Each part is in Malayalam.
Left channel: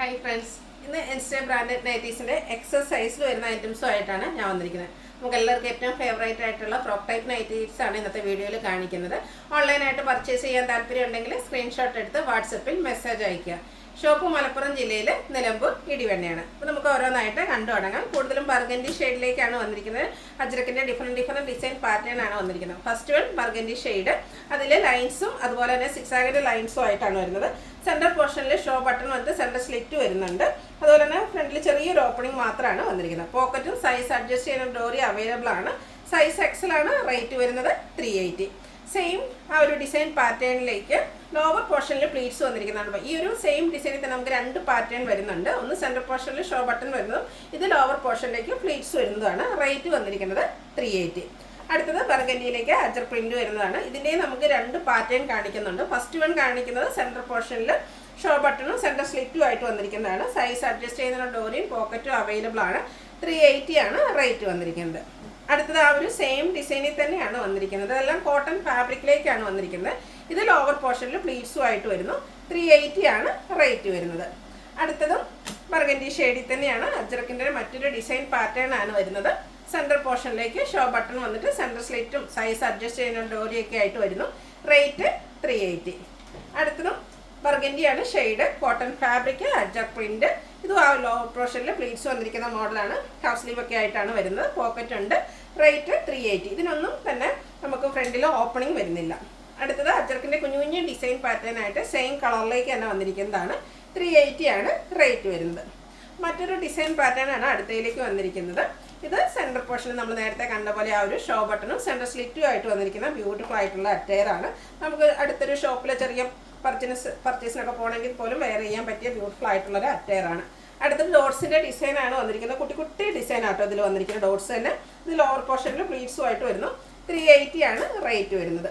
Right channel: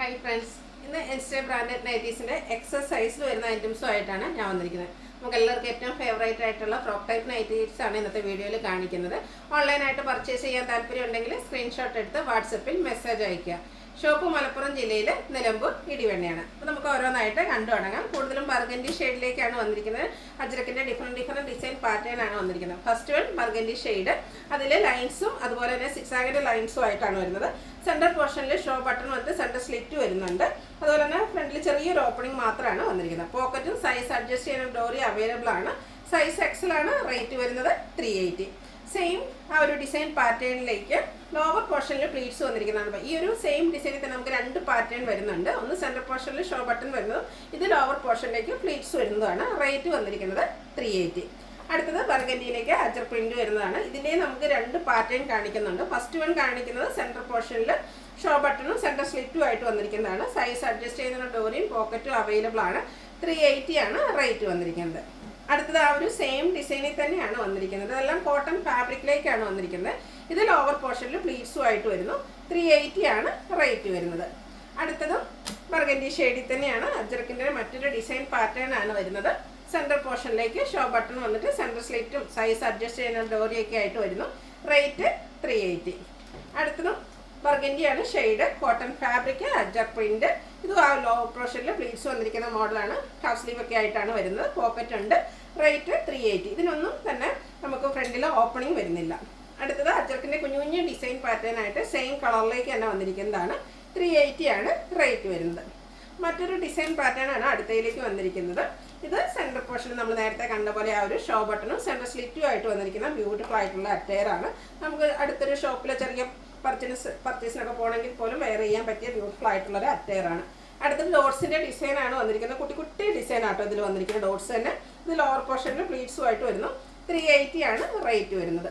ഹായ് ഫ്രണ്ട്സ്, ഇന്ന് എൻസ്റ്റേ ബ്രാൻഡഡ് നൈറ്റീസിൻ്റെ എക്സസ് സൈസിൽ വരുന്ന ഐറ്റംസുമായിട്ടാണ് ഞാൻ വന്നിരിക്കുന്നത്. നമുക്ക് എല്ലാവർക്കും ഏറ്റവും ഫേവറേറ്റ് ആയിട്ടുള്ള ഫ്രോക്ക് ടൈപ്പ് നൈറ്റീസ് ആണ് ഇന്നത്തെ വീഡിയോയിൽ കാണിക്കുന്നത്. ഓൺലൈനായിട്ട് പർച്ചേസ് ചെയ്യാൻ താല്പര്യം ഉണ്ടെങ്കിൽ സ്ക്രീൻഷോട്ട് എടുത്ത് വാട്സപ്പിൽ മെസ്സേജ് അയയ്ക്കുക. ഷോപ്പ് മലപ്പുറം ജില്ലയിൽ നിലമ്പൂർ ഇടിവണ്ണയാണ്. അപ്പോൾ നമുക്ക് ഓരോന്നായിട്ട് കണ്ടു തുടങ്ങാം. കൂടുതലും ബർഗൻഡി ഷെയ്ഡിലേക്കാണ് വന്നിരിക്കുന്നത്. അജ്രക്കിൻ്റെ ഡിഫറെൻറ്റ് ഡിസൈൻ പാറ്റേൺ ആണ് വന്നിരിക്കുന്നത്. ഫസ്റ്റ് വൺ ബർഗൻഡി ഷെയ്ഡ്, അതിൽ ലൈൻസും അതുപോലെ തന്നെ സിക്സാഗിൻ്റെ ലൈൻസും ആയിട്ടാണ് വരുന്നത്. സെൻറ്റർ പോർഷനിൽ ഷോ ബട്ടൺ വന്നിട്ട് സെൻറ്റർ സ്ലിറ്റ് വരുന്നുണ്ട്. അതുപോലെ തന്നെ ഫ്രണ്ടിൽ ചെറിയൊരു ഓപ്പണിംഗ് മാത്രമാണ് വന്നിരിക്കുന്നത്. പോക്കറ്റും സൈസ് അഡ്ജസ്റ്റ് ചെയ്യുന്ന ഡോറി അവൈലബിൾ ആണ്. സൈസ് എക്സൽ ആണ്. റേറ്റ് വരുന്നത് 380. സെയിം ആ ഒരു ഡിസൈൻ പാറ്റേണിലേക്ക് ലോവർ പോർഷനിൽ പ്ലീറ്റ്സ് വന്നിരിക്കുന്നതാണ്. ഈ ഒരു സെയിം ഡിസൈനിൽ തന്നെ നമുക്ക് രണ്ട് പാറ്റേൺ വരുന്നുണ്ട്. ഒന്ന് സെൻറ്റർ പോർഷനിൽ ഷോ ബട്ടൺ വരുന്നതും ഇത് ലോവർ പോർഷനിലേക്ക് പ്ലീറ്റ്സ് വരുന്നതാണ്. റേറ്റ് വന്നിരിക്കുന്നത് 380. അടുത്തത് ബർഗൻഡിയിലേക്ക് അജർ പ്രിന്റ് വരുന്നതാണ്. ഇതിൻ്റെ നമുക്ക് രണ്ട് പാറ്റേൺ കാണിക്കുന്നുണ്ട്. ഫസ്റ്റ് വൺ കാണിക്കുന്നത് സെൻറ്റർ പോർഷനിൽ ഷോ ബട്ടണും സെൻറ്റർ സ്ലിറ്റും ആയിട്ട് വന്നിരിക്കുന്നതാണ്. സൈസ് അഡ്ജസ്റ്റ് ചെയ്യുന്ന ഡോറിയും പോക്കറ്റും അവൈലബിൾ ആണ്. 380 ആണ് റേറ്റ് വന്നിരിക്കുന്നത്. അടുത്തത് ആ ഒരു സെയിം ഡിസൈനിൽ തന്നെയാണ് വന്നിരിക്കുന്നത്. അതെല്ലാം കോട്ടൺ ഫാബ്രിക്കിലേക്കാണ് വന്നിരിക്കുന്നത്. ഇത് ലോവർ പോർഷനിൽ പ്ലീറ്റ്സും ആയിട്ട് വരുന്നു. 380 ആണ് റേറ്റ് വരുന്നത്. അടുത്തതും ബർഗൻഡി ഷെയ്ഡിൽ തന്നെയാണ്. അജ്രക്കിൻ്റെ മറ്റൊരു ഡിസൈൻ പാറ്റേൺ ആണ് വരുന്നത്. സെൻറ്റർ പോർഷനിലേക്ക് ഷോ ബട്ടൺ വന്നിട്ട് സെൻറ്റർ സ്ലിറ്റും സൈസ് അഡ്ജസ്റ്റ് ചെയ്യുന്ന ഡോറിയൊക്കെ ആയിട്ട് വരുന്നു. റേറ്റ് 380. അടുത്തതും ബർഗൻഡിയാണ് shade, cotton fabric, ajrakh print. ഇത് ആ ലോ പോർഷനിൽ പ്ലീറ്റ്സ് വന്നിരിക്കുന്ന മോഡലാണ്. ഹാഫ് സ്ലീവ് ഒക്കെ ആയിട്ടാണ് വരുന്നത്. പോക്കറ്റ് ഉണ്ട്. റേറ്റ് 380. ഇതിനൊന്നും തന്നെ നമുക്ക് ഫ്രണ്ടിൽ ഓപ്പണിംഗ് വരുന്നില്ല. അടുത്തത് അജർക്കിൻ്റെ കുഞ്ഞു കുഞ്ഞു ഡിസൈൻ പാറ്റേൺ ആയിട്ട് സെയിം കളറിലേക്ക് തന്നെ വന്നിരിക്കുന്നതാണ്. 380 ആണ് റേറ്റ് വരുന്നത്. മറ്റൊരു ഡിസൈൻ പാറ്റേൺ ആണ് അടുത്തയിലേക്ക് വന്നിരിക്കുന്നത്. ഇത് സെൻറ്റർ പോർഷനിൽ നമ്മൾ നേരത്തെ കണ്ട പോലെ ആ ഒരു ഷോ ബട്ടണും സെൻറ്റർ സ്ലിറ്റും ആയിട്ട് വന്നിരിക്കുന്ന ബ്യൂട്ടിഫുൾ ആയിട്ടുള്ള അറ്റയർ ആണ്. നമുക്ക് അടുത്തൊരു ഷോപ്പിലെ ചെറിയ പർച്ചേസിനൊക്കെ പോകണമെങ്കിൽ പോലും വെയർ ചെയ്യാൻ പറ്റിയ ബ്യൂട്ടിഫുൾ ആയിട്ടുള്ളൊരു അറ്റയർ ആണ്. അടുത്തത് ഡോട്ട്സിൻ്റെ ഡിസൈൻ ആണ് വന്നിരിക്കുന്നത്. കുട്ടി കുട്ടി ഡിസൈൻ ആട്ടോ ഇതിൽ വന്നിരിക്കുന്ന ഡോട്ട്സ് തന്നെ. ഇത് ലോവർ പോർഷനിൽ പ്ലീറ്റ്സും ആയിട്ട് വരുന്നു. 380 ആണ് റേറ്റ് വരുന്നത്.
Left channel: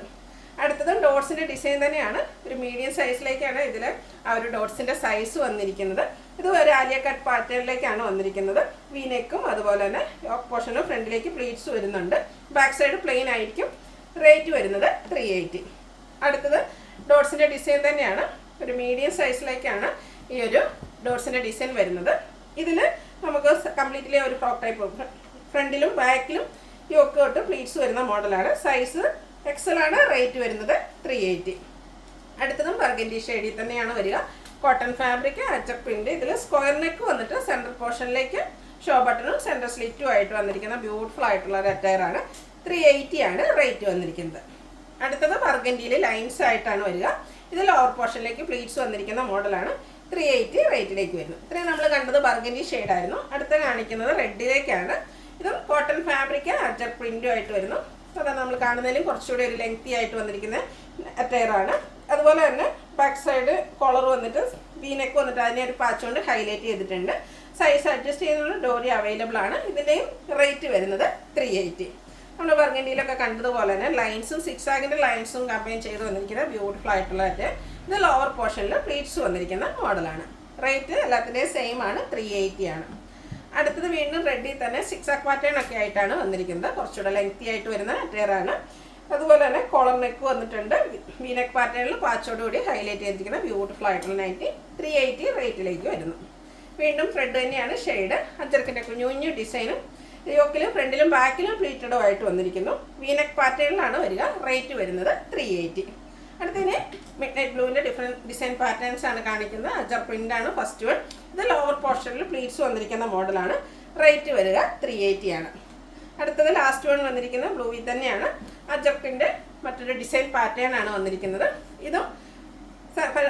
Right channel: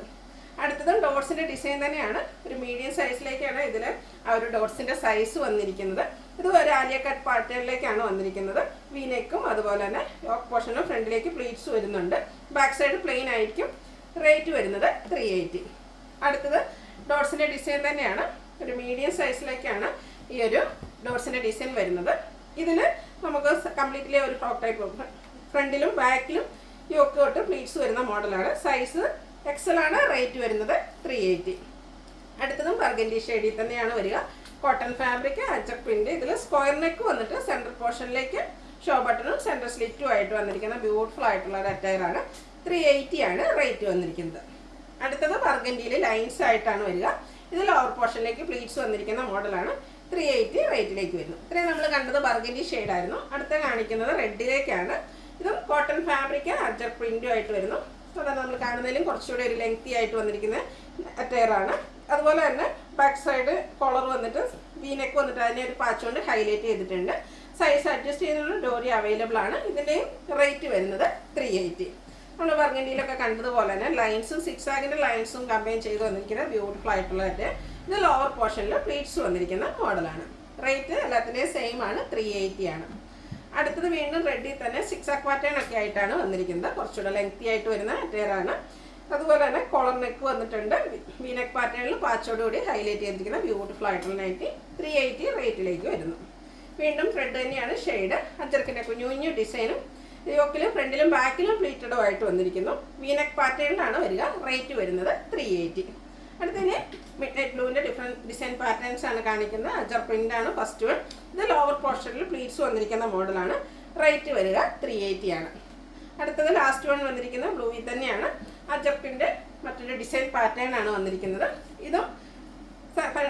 അടുത്തതും ഡോട്ട്സിൻ്റെ ഡിസൈൻ തന്നെയാണ്. ഒരു മീഡിയം സൈസിലേക്കാണ് ഇതിൽ ആ ഒരു ഡോട്ട്സിൻ്റെ സൈസ് വന്നിരിക്കുന്നത്. ഇത് ഒരു ആലിയ കട്ട് പാറ്റേണിലേക്കാണ് വന്നിരിക്കുന്നത്. വീനെക്കും അതുപോലെ തന്നെ യോക്ക് പോർഷനും ഫ്രണ്ടിലേക്ക് പ്ലീറ്റ്സ് വരുന്നുണ്ട്. ബാക്ക് സൈഡ് പ്ലെയിൻ ആയിരിക്കും. റേറ്റ് വരുന്നത് 380. അടുത്തത് ഡോട്ട്സിൻ്റെ ഡിസൈൻ തന്നെയാണ്. ഒരു മീഡിയം സൈസിലേക്കാണ് ഈ ഒരു ഡോട്ട്സിൻ്റെ ഡിസൈൻ വരുന്നത്. ഇതിൽ നമുക്ക് കംപ്ലീറ്റ്ലി ഒരു ഫ്രോക്ക് ടൈപ്പ് ഫ്രണ്ടിലും ബാക്കിലും യോക്ക് തൊട്ട് പ്ലീറ്റ്സ് വരുന്ന മോഡലാണ്. സൈസ് എക്സൽ ആണ്. റേറ്റ് വരുന്നത് 380. അടുത്തതും ബർഗൻഡി ഷെയ്ഡിൽ തന്നെയാണ് വരിക. Cotton fabric, ajrakh print. ഇതിൽ സ്ക്വയർ നെക്ക് വന്നിട്ട് സെൻറ്റർ പോർഷനിലേക്ക് ഷോ ബട്ടണും സെൻറ്റർ സ്ലിറ്റും ആയിട്ട് വന്നിരിക്കുന്ന ബ്യൂട്ടിഫുൾ ആയിട്ടുള്ള ഒരു അറ്റയർ ആണ്. 380 ആണ് റേറ്റ് വന്നിരിക്കുന്നത്. അടുത്തത് ബർഗൻഡിയിൽ ലൈൻസ് ആയിട്ടാണ് വരിക. ഇത് ലോവർ പോർഷനിലേക്ക് പ്ലീറ്റ്സ് വന്നിരിക്കുന്ന മോഡലാണ്. 380 റേറ്റിലേക്ക് വരുന്നു. ഇത്രയും നമ്മൾ കണ്ടത് ബർഗൻഡി ഷെയ്ഡായിരുന്നു. അടുത്ത കാണിക്കുന്നത് റെഡിലേക്കാണ്. ഇതും കോട്ടൺ ഫാബ്രിക്, അജർ പ്രിന്റും ആയിട്ട് വരുന്നു. അതാണ് നമ്മൾ കാണുന്നതിലും കുറച്ചുകൂടി ഒരു ലെങ്തി ആയിട്ട് വന്നിരിക്കുന്ന അറ്റയർ ആണ്. അതുപോലെ തന്നെ ബാക്ക് സൈഡ് കോളർ വന്നിട്ട് വീനെക്ക് വന്നിട്ട് അതിനെ ഒരു പാച്ച് കൊണ്ട് ഹൈലൈറ്റ് ചെയ്തിട്ടുണ്ട്. സൈസ് അഡ്ജസ്റ്റ് ചെയ്യുന്ന ഡോറി അവൈലബിൾ ആണ്. ഇതിൻ്റെയും റേറ്റ് വരുന്നത് 380. നമ്മൾ ബർഗൻഡിയിലൊക്കെ കണ്ടതുപോലെ തന്നെ ലൈൻസും സിക്സാഗിൻ്റെ ലൈൻസും കമ്പൈൻ ചെയ്ത് വന്നിരിക്കുന്ന ബ്യൂട്ടിഫുൾ ആയിട്ടുള്ള ഇത് ലോവർ പോർഷനിൽ പ്ലീറ്റ്സ് വന്നിരിക്കുന്ന മോഡലാണ്. റേറ്റ് എല്ലാത്തിൻ്റെയും സെയിം ആണ്. 380 ആണ്. അടുത്തത് വീണ്ടും റെഡിൽ തന്നെ സിക്സാക് പാറ്റേൺ ഒക്കെ ആയിട്ടാണ് വന്നിരിക്കുന്നത്. കുറച്ചുകൂടെ ലെങ്തി ആയിട്ട് വരുന്ന അറ്റയറാണ്. അതുപോലെ തന്നെ കോളർ നെക്ക് വന്നിട്ടുണ്ട്. വീനെക്ക് പാറ്റേണിൽ പാച്ചോടുകൂടി ഹൈലൈറ്റ് ചെയ്തിരിക്കുന്ന ബ്യൂട്ടിഫുൾ ആയിട്ടുള്ള നൈറ്റി. 380 റേറ്റിലേക്ക് വരുന്നു. വീണ്ടും റെഡ് തന്നെയാണ് ഷെയ്ഡ്. അജർക്കിൻ്റെ കുഞ്ഞു കുഞ്ഞു ഡിസൈനും യോക്കിൽ ഫ്രണ്ടിലും ബാക്കിലും പ്ലീറ്റഡും ആയിട്ട് വന്നിരിക്കുന്നു. വീനെക്ക് പാറ്റേണിലാണ് വരിക. റേറ്റ് വരുന്നത് 380. അടുത്തതിന് മിഡ് നൈറ്റ് ബ്ലൂവിൻ്റെ ഡിഫറെൻറ്റ് ഡിസൈൻ പാറ്റേൺസ് ആണ് കാണിക്കുന്നത്. അജർ പ്രിൻ്റ് ആണ് ഫസ്റ്റ് വൺ. ഇത് ലോവർ പോർഷനിൽ പ്ലീറ്റ്സ് വന്നിരിക്കുന്ന മോഡലാണ്. റേറ്റ് വരിക 380 ആണ്. അടുത്തത് ലാസ്റ്റ് വൺ വന്നിരിക്കുന്നത് ബ്ലൂവിൽ തന്നെയാണ്. അജർക്കിൻ്റെ മറ്റൊരു ഡിസൈൻ പാറ്റേൺ ആണ് വന്നിരിക്കുന്നത്. ഇതും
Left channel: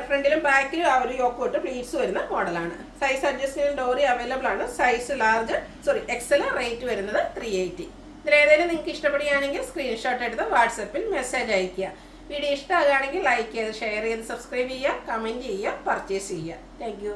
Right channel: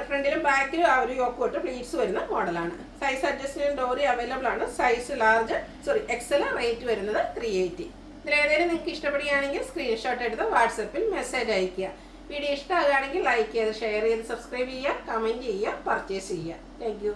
ഫ്രണ്ടിലും ബാക്കിലും ആ ഒരു യോക്ക് തൊട്ട് പ്ലീറ്റ്സ് വരുന്ന മോഡലാണ്. സൈസ് അഡ്ജസ്റ്റ് ചെയ്യുന്ന ഡോറി അവൈലബിൾ ആണ്. Size Excel. റേറ്റ് വരുന്നത് 380. ഇതിലേതെങ്കിലും നിങ്ങൾക്ക് ഇഷ്ടപ്പെടുകയാണെങ്കിൽ സ്ക്രീൻഷോട്ട് എടുത്ത് വാട്സപ്പിൽ മെസ്സേജ് അയയ്ക്കുക. വീഡിയോ ഇഷ്ടമാകുകയാണെങ്കിൽ ലൈക്ക് ചെയ്ത് ഷെയർ ചെയ്ത് സബ്സ്ക്രൈബ് ചെയ്യുക, കമൻറ്റ് ചെയ്യുക, പർച്ചേസ് ചെയ്യുക. Thank you.